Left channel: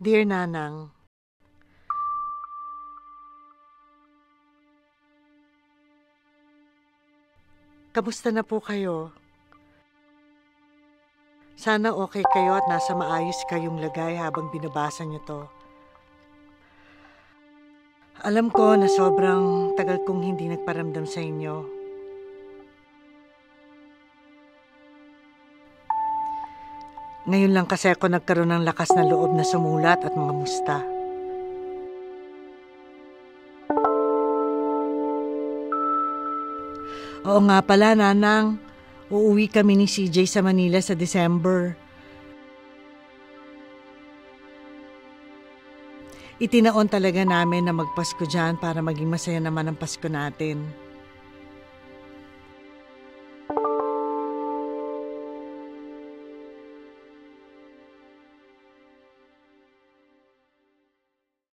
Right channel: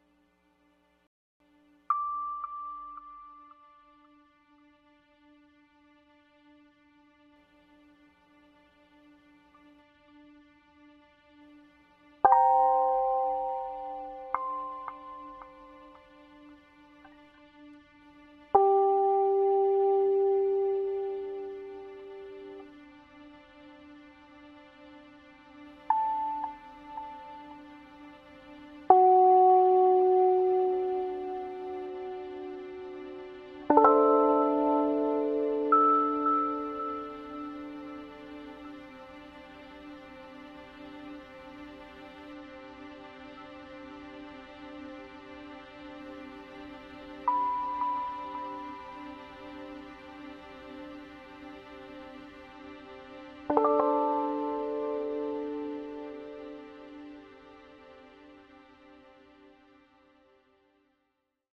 Dear Nanang, kamusta na po kayo? Sana okay kayo at nasa maayos kayong lagay habang binabasa niyo to. Alam ko na sobrang tagal kong hindi nagparamdam sa inyo. Ngayon lang kasi ako nagkaroon ng lakas na loob na sumulat at mga musta. Oo nga pala, Nanang. Uuwi kami ni CJ sa Manila sa December. Itinaon talaga namin na magpasko dyan para maging masaya naman ang Pasko natin.